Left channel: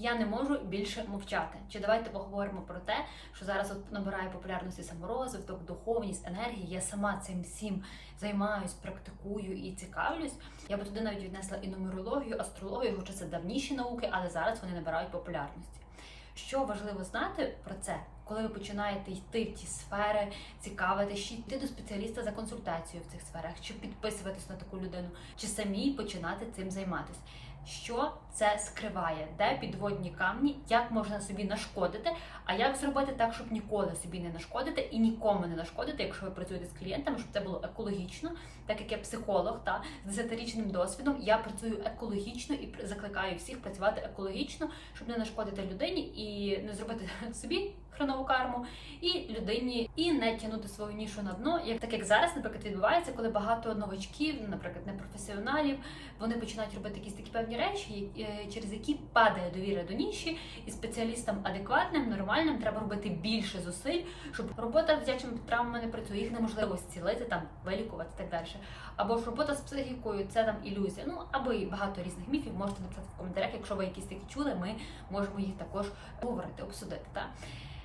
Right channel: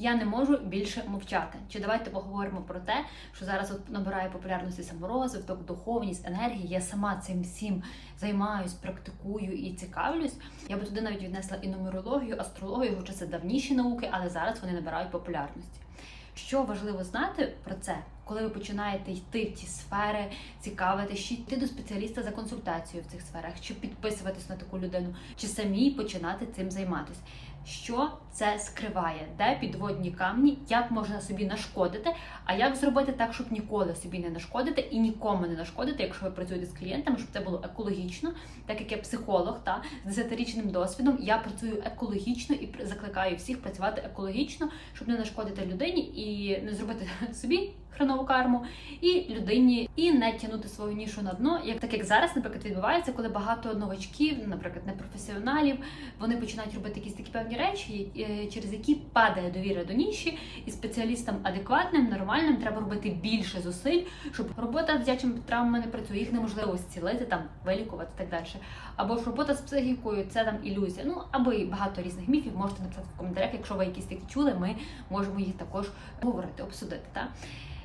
Я не можу більше мовчати. Чи давайте поговоримо про те, що зараз от набирає популярності саморозвиток, духовність, енергія. Я сама цим всім займаюсь, практикую і цікавлюсь. Я би туди навіть віднесла і нумерологію, астрологію, хоча це давніші науки, але зараз вони набирають популярності. Що важливо знати про це, коли ви починаєте йти в ті сфери, цікавитись, чи йти до спеціаліста за консультацією в цих сферах, чи підписуватись на таку людину, чи самі починати цим займатися. Що це скриває, де підводні камні, як можна собі нашкодити, а як зробити так, щоб ніколи собі не нашкодити і нікому не нашкодити, якщо ви працюєте з клієнтами, щоб це було екологічно, так як я психолог та з 10-річним досвідом, я працюю екологічно і закликаю всіх працювати екологічно, щоб не нашкодити людині і не зробити собі хренову карму, і людині, і не тягнути свою нішу на дно, як так як зараз, наприклад, відбувається, коли багато новачків, наприклад, непрофесіоналів, вони починають робити якісь такі певні речі, е, через які падає довіра до ніші, і спеціалістам адекватним, нормальним треба робити більше зусиль, щоб робота з дитячими травмами не працює, їх неможливо зцілити, там вилікувати і так далі. Або ж робота з психікою це там ілюзія. Ну або і багато різних міфів можете написати в коментарях. Якщо ви якісь такі чули, ми можемо їх також говорити, обсудити. Та?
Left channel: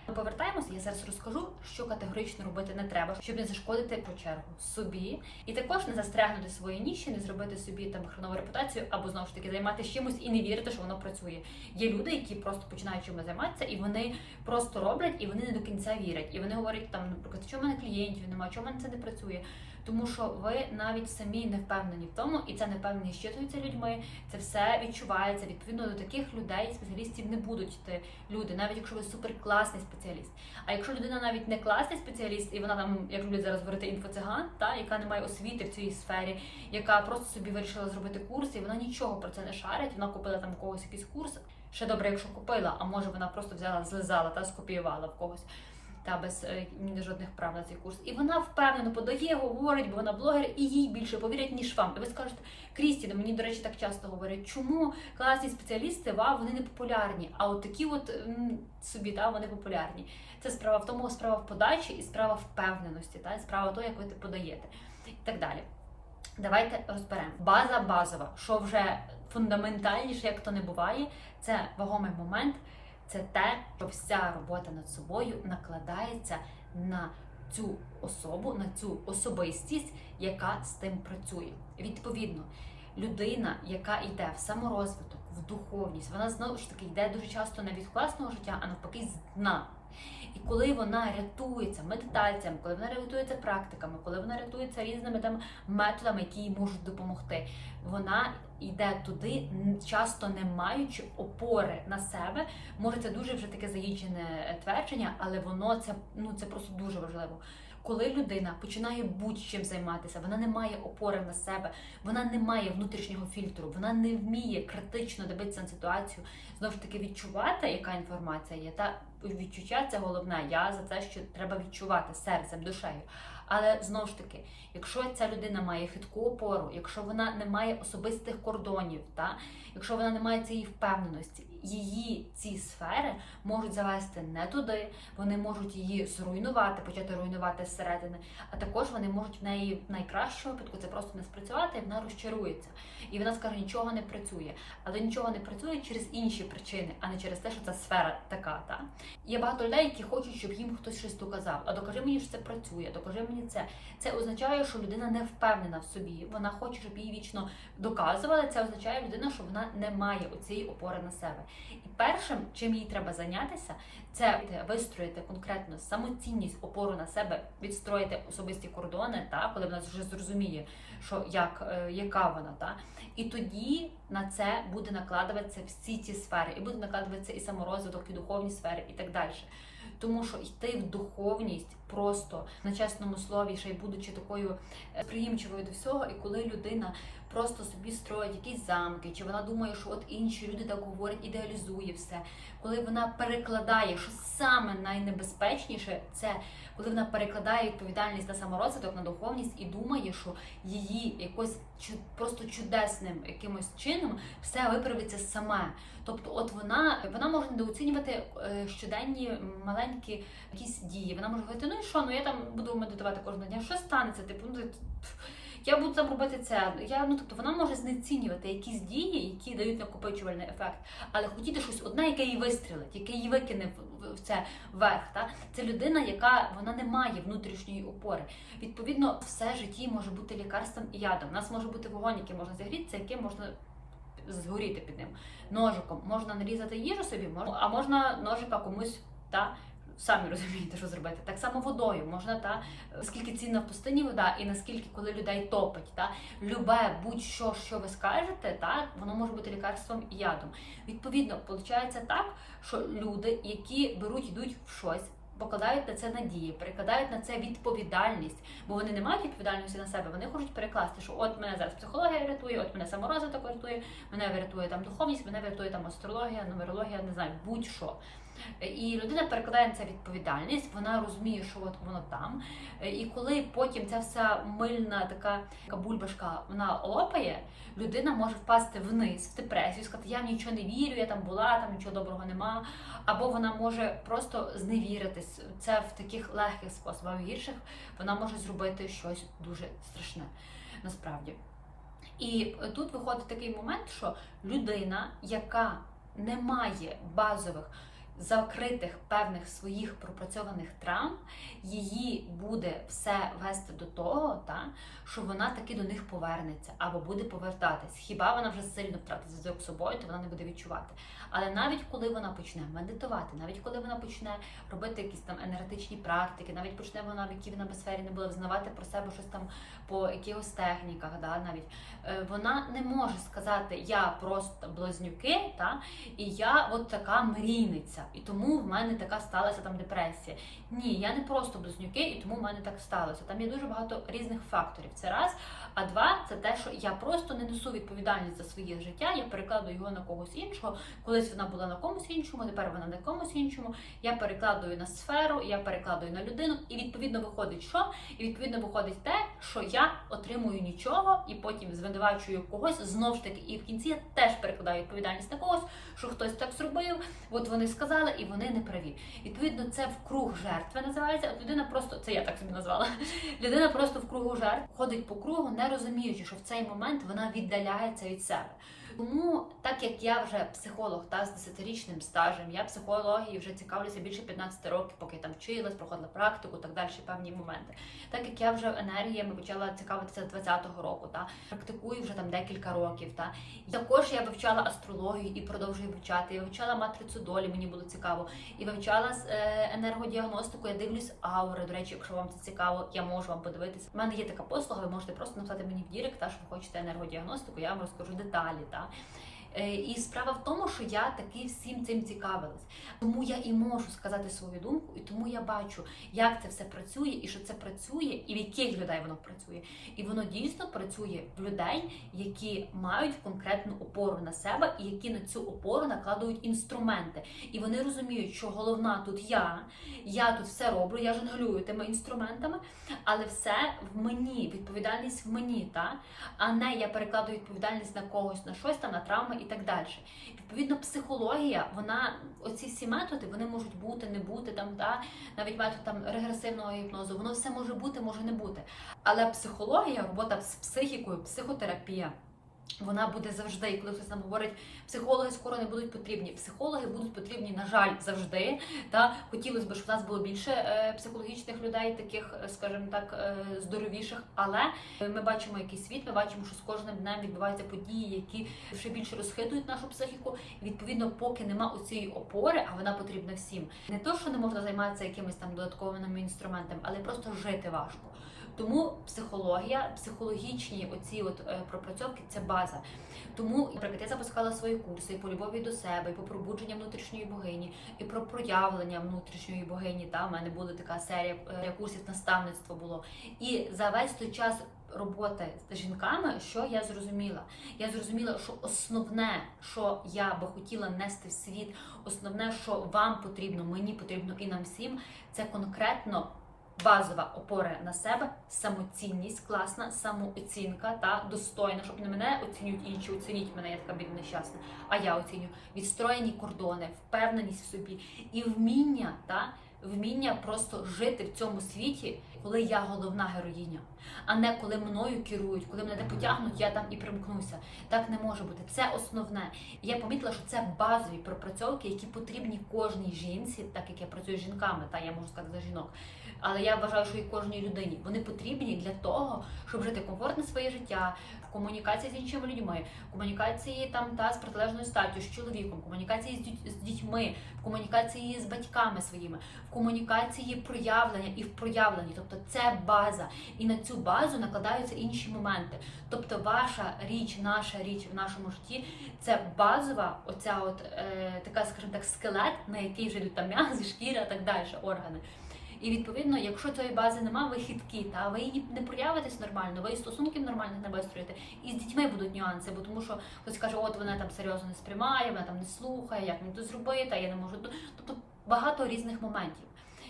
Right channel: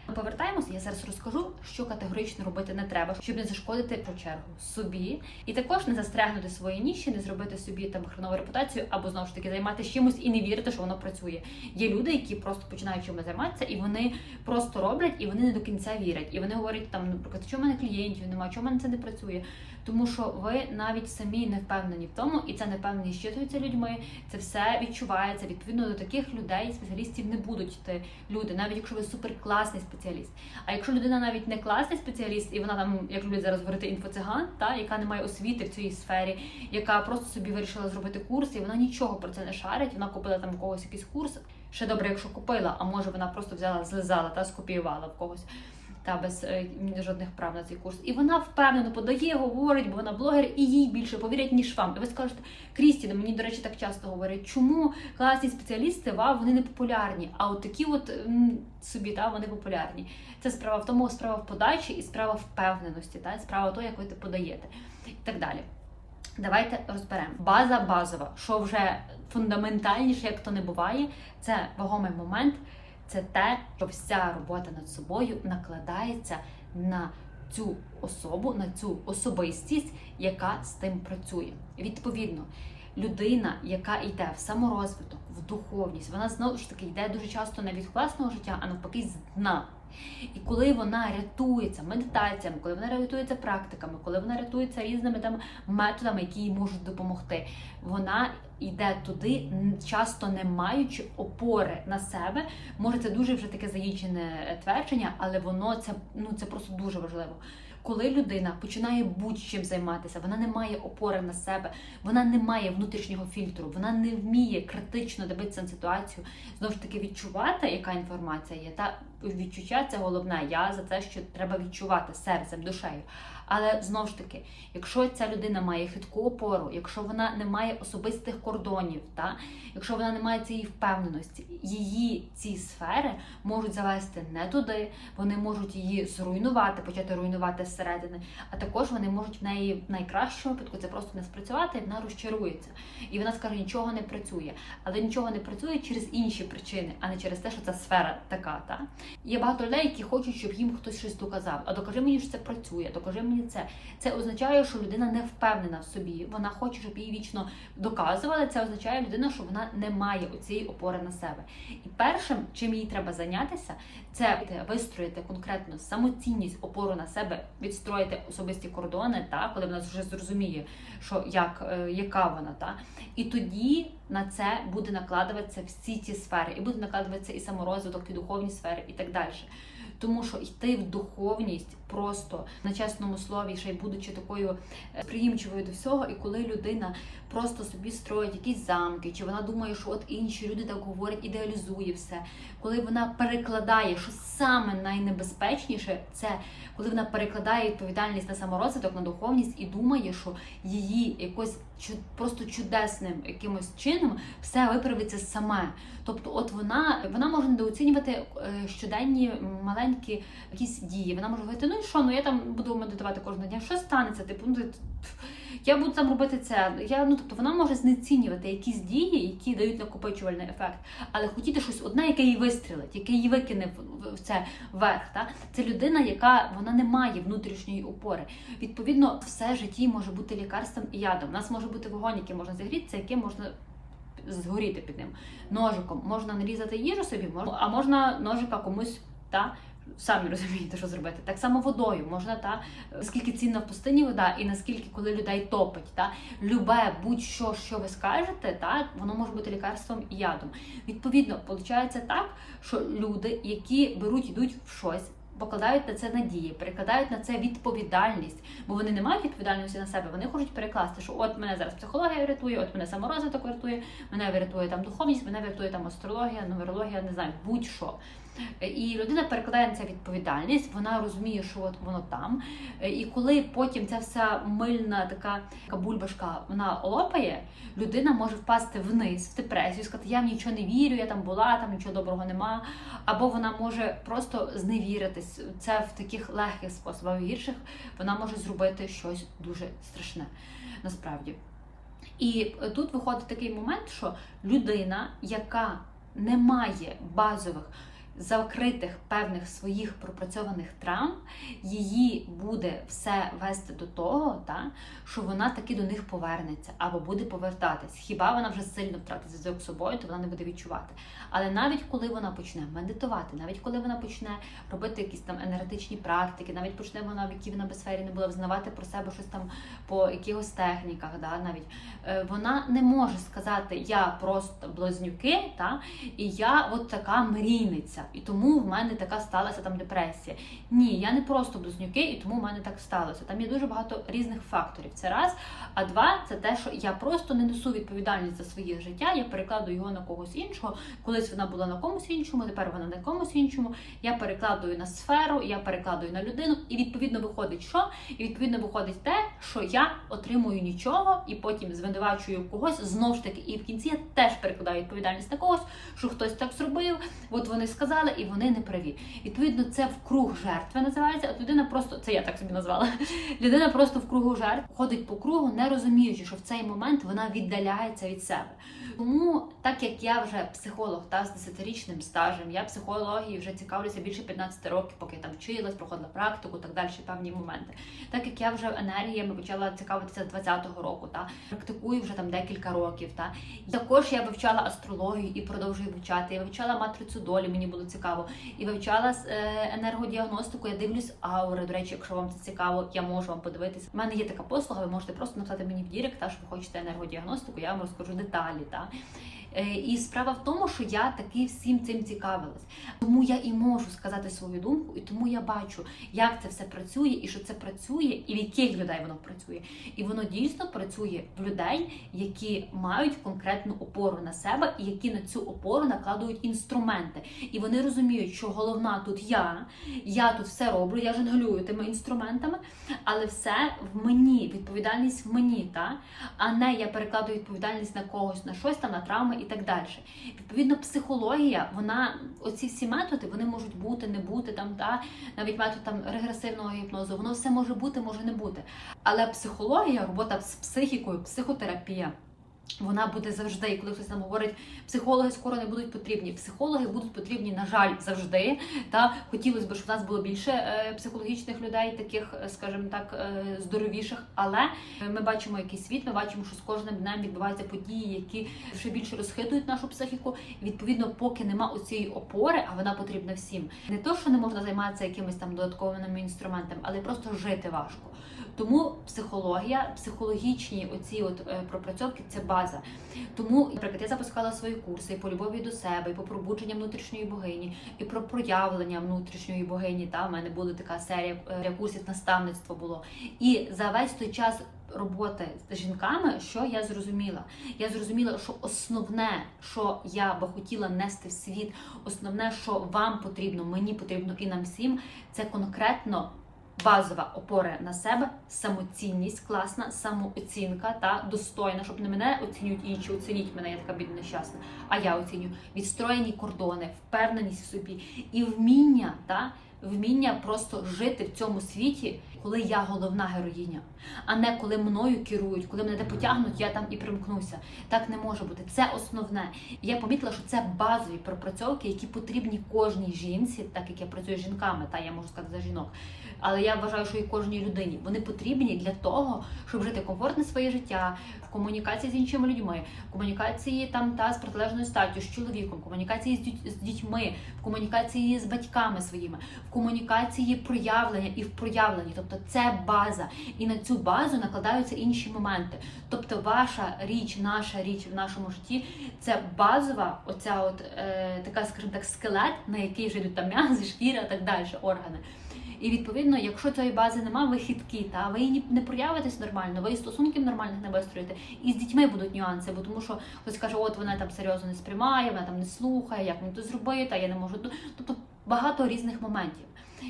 Ми повертаємося, я зараз розкажу, що категорично робити не треба, щоб не зашкодити по чергу собі, і також не застрягнути свої ніші, не зробити собі там хренову репутацію, або знову ж таки займатися чимось і не вірити, що воно працює. Є люди, які просто починають чимось займатися, і вони просто роблять, і вони не до кінця вірять. І вони говорять там, наприклад, що в мене клієнтів немає, в мене це не працює. Тому що ви навіть самі не впевнені в тому, і ця непевненість щитується людьми. Це все відчувається. Відповідно до таких людей, спеціалістів не будуть йти люди, навіть якщо ви суперкласний спеціаліст. А якщо людина навіть не класний спеціаліст, і вона там, як люблять зараз говорити, інфоциган, та яка не має освіти в цій сфері, яка просто собі вирішила зробити курс, і вона нічого про це не шарить. Вона купила там когось якийсь курс. Ще добре, якщо купила, а може вона просто взяла, злизала та скопіювала в когось. Та без е, жодних прав на цей курс. І вона впевнено подає, говорить, бо вона блогер, і їй більше повірять, ніж вам. І ви скажете, Крістіна, мені, до речі, так часто говорять, чому класні спеціалісти, вау, вони не популярні, а от такі от м, собі та вони популярні. Це справа в тому, справа в подачі і справа впевненості, та справа в тому, як ви це подаєте, і так далі. Давайте розберемо. База базова, що вже фундаментальніше, як то не буває, це вагомий момент. Це те, що вся робота над собою накладається на цю особу, на цю особистість, яка з тим працює. Відповідно, людина, яка йде в саморозвиток, в духовність, вона знову ж таки йде дуже часто не від власного життя, а навпаки з дна. І коли вона рятується медитаціями, коли вона рятується практиками, коли вона рятується різними там методами, які їй можуть допомогти, вона йде туди, часто не маючи опори на себе. Може, це дуже вже таке заїджене твердження, але воно це ну це просто дуже важливо. Коли людина починає будь-чим займатися, вона не має опори на себе, вона не має внутрішнього фільтру, вона не вміє критично дивитися на ситуацію, знову ж таки відчувати, яка інформація є. Та відчуття це головне. Я за це, що треба відчувати серцем, душею. Але знову ж таки, якщо ця людина має хитку опору, якщо вона не має особистих кордонів, та якщо вона не має цієї впевненості, її ці сфери можуть завести не туди, вони можуть її зруйнувати, почати руйнувати зсередини, а також вони можуть в неї в найкращому випадку це просто не спрацювати, і вона розчарується. І вона скаже, нічого не працює. Але нічого не працює через інші причини, а не через те, що ця сфера така. Та? Є багато людей, які хочуть, щоб їм хтось щось доказав. А докажи мені, що це працює, докажи мені це. Це означає, що людина не впевнена в собі. Вона хоче, щоб їй вічно доказували. Це означає людина, що вона не має оцієї опори на себе. І першим, чим їй треба зайнятися, це вистроїти конкретно самоцінність, опору на себе, відстроїти особисті кордони, та коли вона вже зрозуміє, що як е, яка вона, та і тоді на це буде накладуватися всі ці сфери, і буде накладуватися і саморозвиток, і духовні сфери, і так далі. Тому що йти в духовність просто на чесному слові, ще й будучи такою е, приїмчивою до всього, і коли людина просто собі строїть якісь замки, чи вона думає, що от інші люди так говорять, ідеалізує все, коли вона перекладає, що саме найнебезпечніше, це коли вона перекладає відповідальність на саморозвиток, на духовність і думає, що її якось просто чудесним якимось чином все виправиться саме. Тобто, от вона вона може недооцінювати е, щоденні маленькі якісь дії. Вона може говорити, ну що, ну я там буду медитувати кожного дня. Що станеться? Типу, ну, я буду там робити це. Я, ну, тобто вона може знецінювати якісь дії, які дають накопичувальний ефект, але хотіти щось одне, яке її вистрілить, яке її викине в, це вверх. Та? Це людина, яка вона не має внутрішньої опори. Відповідно, все житті може бути лікарством і ядом. У нас може бути вогонь, який можна зігрітися, яким можна згоріти під ним. Ножиком можна нарізати їжу собі, а можна ножика комусь та. Самі розумієте, що зробити. Так само водою можна та скільки цінна в пустині вода, і наскільки коли людей топить, та любе будь-що, що ви скажете, та воно може бути лікарством і ядом. Відповідно, виходить так, що люди, які беруть, йдуть в щось. Покладають на це надії, перекладають на це відповідальність, бо вони не мають відповідальності на себе. Вони хочуть перекласти, що от мене зараз психологія врятує, от мене саморозвиток врятує, мене врятує там духовність, мене врятує там астрологія, нумерологія, не знаю, будь-що. І людина перекладає на це відповідальність, вона розуміє, що от воно там. І коли потім ця вся мильна така, така бульбашка вона лопає, людина може впасти вниз в депресію, сказати, я в нічого не вірю, я там була, там нічого доброго нема. Або вона може просто зневіритись. Це в таких легких способах, в гірших вона може зробити щось дуже страшне насправді. І тут виходить такий момент, що людина, яка не має базових закритих певних своїх пропрацьованих травм, її буде все вести до того, та, що вона таки до них повернеться або буде повертатись. Хіба вона вже сильно втратить зв'язок з собою, то вона не буде відчувати. Але навіть коли вона почне медитувати, навіть коли вона почне робити якісь там енергетичні практики, навіть почне вона, в якій вона би сфері не була, взнавати про себе щось там по якихось техніках, да, навіть е, вона не може сказати Я просто близнюки, та, і я от така мрійниця, і тому в мене така сталася там депресія. Ні, я не просто близнюки, і тому в мене так сталося. Там є дуже багато різних факторів. Це раз. А два, це те, що я просто не несу відповідальність за своє життя, я перекладую його на когось іншого. Колись вона була на комусь іншому, тепер вона на комусь іншому. Я перекладую на сферу, я перекладую на людину, і відповідно виходить, що? І відповідно виходить те, що я отримую нічого, і потім звинувачую когось знов ж таки. І в кінці я теж перекладаю відповідальність на когось, що хтось так зробив. От вони сказали, і вони не праві. Відповідно, це в круг жертви називається. От людина просто це я так собі назвала. Людина просто в кругу жертв ходить по кругу, не розуміючи, що в цей момент вона віддаляється від себе. Тому, так як я вже психолог та з 10-річним стажем, я психології вже цікавлюся більше 15 років, поки я там вчилась, проходила практику, так далі, певні моменти. Так як я вже енергіями почала цікавитися з 20-го року, та практикую вже там декілька років. Та також я вивчала астрологію і продовжую вивчати. Я вивчала матрицю долі, мені було цікаво, і вивчала е, енергодіагностику. Я дивлюсь аури. До речі, якщо вам це цікаво, я можу вам подивитися. У мене є така послуга, ви можете просто написати мені в Дірект, та що ви хочете енергодіагностику, я вам розкажу деталі. Та І справа в тому, що я таки всім цим цікавилась. Тому я і можу сказати свою думку, і тому я бачу, як це все працює, і що це працює, і в яких людей воно працює. І воно дійсно працює в людей, які мають конкретну опору на себе, і які на цю опору накладують інструменти. І вони розуміють, що головна тут я, я тут все роблю, я жонглюю тими інструментами, але все в мені, відповідальність в мені, та а не я перекладаю відповідальність на когось, на щось там, на травми і так далі. Відповідно, психологія, вона, оці всі методи, вони можуть бути, не бути там, та навіть метод там регресивного гіпнозу, воно все може бути, може не бути. Але психологія, робота з психікою, психотерапія. Вона буде завжди, і коли хтось нам говорить, психологи скоро не будуть потрібні. Психологи будуть потрібні, на жаль, завжди. Та хотілося б, щоб в нас було більше е, психологічних людей, таких, е, скажімо так, е, здоровіших. Але ми бачимо якийсь світ, ми бачимо, що з кожним днем відбуваються події, які ще більше розхитують нашу психіку. Відповідно, поки нема оцієї опори, а вона потрібна всім. Не то, що не можна займатися якимись там додатковими інструментами, але просто жити важко. Тому психологія, психологічні оці от е, пропрацьовки це база. Тому, наприклад, я запускала свої курси і по любові до себе, і по пробудженню внутрішньої богині, і про проявлення внутрішньої богині. Та в мене була така серія е, курсів наставництво було. І за весь той час. Роботи з жінками, що я зрозуміла? Я зрозуміла, що основне, що я би хотіла нести в світ, основне, що вам потрібно, мені потрібно і нам всім, це конкретно базова опора на себе, самоцінність, класна, самооцінка та достойна, щоб не мене оцінюють інші, оцініть мене, я така бідна нещасна, а я оцінюю відстроєні кордони, впевненість в собі. І вміння та? Вміння просто жити в цьому світі, коли я головна героїня, а не коли мною керують, коли мене де потягнуть, я там і примкнуся. Так не може бути. Це основне. Я помітила, що це базові пропрацьовки, які потрібні кожній жінці, так як я працюю з жінками, та я можу сказати за жінок. Але я вважаю, що і кожній людині вони потрібні для того, щоб жити комфортне своє життя в комунікації з іншими людьми, в комунікації там та з протилежною статтю, з чоловіком, в комунікації з, діть- з дітьми, в комунікації з батьками своїми, в комунікації проявлення і в проявленні. Тобто це база, і на цю базу накладаються інші моменти. Тобто, ваша річ, наша річ в нашому житті це базова, оця от е, така, скажімо так, скелет, на який вже йдуть там м'язи, шкіра, і так далі, органи. І відповідно, якщо цієї бази немає, ви хиткі, та ви її не проявитесь нормально, ви і стосунків нормальних не вистроїте. І з дітьми будуть нюанси, бо тому що хтось каже, от вона там серйозно не сприймає, вона там не слухає, як мені то зробити, а я не можу. Тобто багато різних моментів.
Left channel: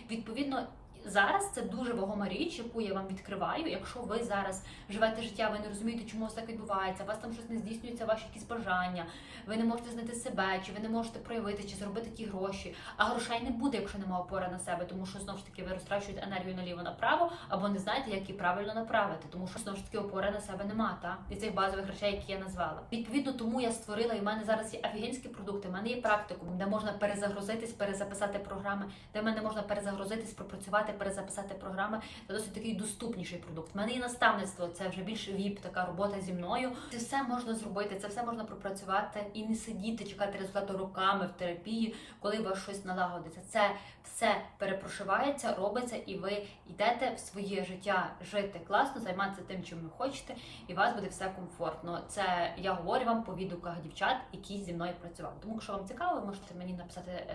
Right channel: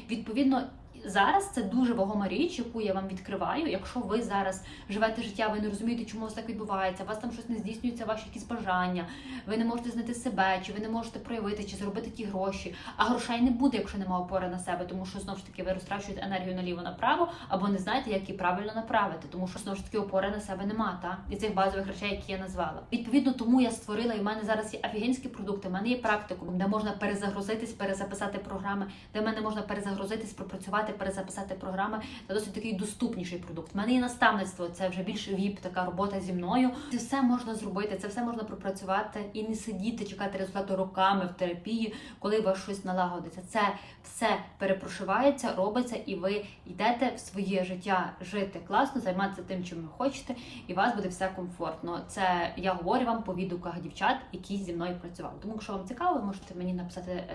Відповідно, зараз це дуже вагома річ, яку я вам відкриваю. Якщо ви зараз живете життя, ви не розумієте, чому це так відбувається, у вас там щось не здійснюється, ваші якісь бажання, ви не можете знайти себе, чи ви не можете проявити, чи заробити ті гроші. А грошей не буде, якщо немає опори на себе, тому що знову ж таки ви розтрачуєте енергію наліво направо, або не знаєте, як її правильно направити, тому що знову ж таки опори на себе нема, та і цих базових речей, які я назвала. Відповідно, тому я створила, і в мене зараз є офігенські продукти. в мене є практикум, де можна перезагрузитись, перезаписати програми, де в мене можна перезагрузитись, пропрацювати, перезаписати програми. Це досить такий доступніший продукт. В мене є наставництво, це вже більш віп, така робота зі мною. Це все можна зробити, це все можна пропрацювати і не сидіти, чекати результату роками в терапії, коли у вас щось налагодиться. Це все перепрошивається, робиться, і ви йдете в своє життя жити класно, займатися тим, чим ви хочете, і у вас буде все комфортно. Це я говорю вам по відгуках дівчат, які зі мною працювали. Тому, якщо вам цікаво, ви можете мені написати е,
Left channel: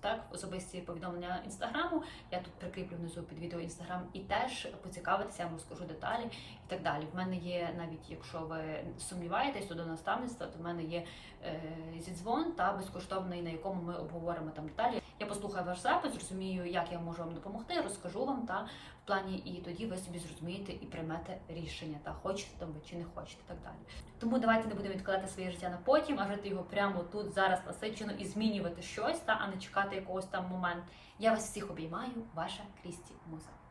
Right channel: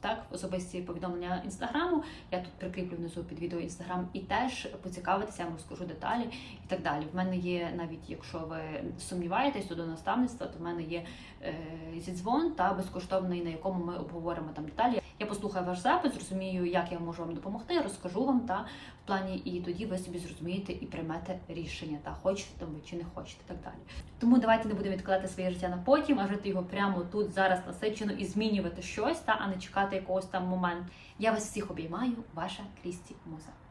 так особисті повідомлення інстаграму. Я тут прикріплю внизу під відео інстаграм і теж поцікавитися, я вам розкажу деталі і так далі. В мене є навіть, якщо ви сумніваєтесь до наставництва, то в мене є е, зідзвон та безкоштовний, на якому ми обговоримо там деталі. Я послухаю ваш запис, зрозумію, як я можу вам допомогти, розкажу вам та в плані, і тоді ви собі зрозумієте і приймете рішення, та хочете ви чи не хочете, так далі. Тому давайте не будемо відкладати своє життя на потім, а жити його прямо тут, зараз насичено і змінювати щось, та а не чекати якогось там моменту. Я вас всіх обіймаю, ваша Крісті Муза.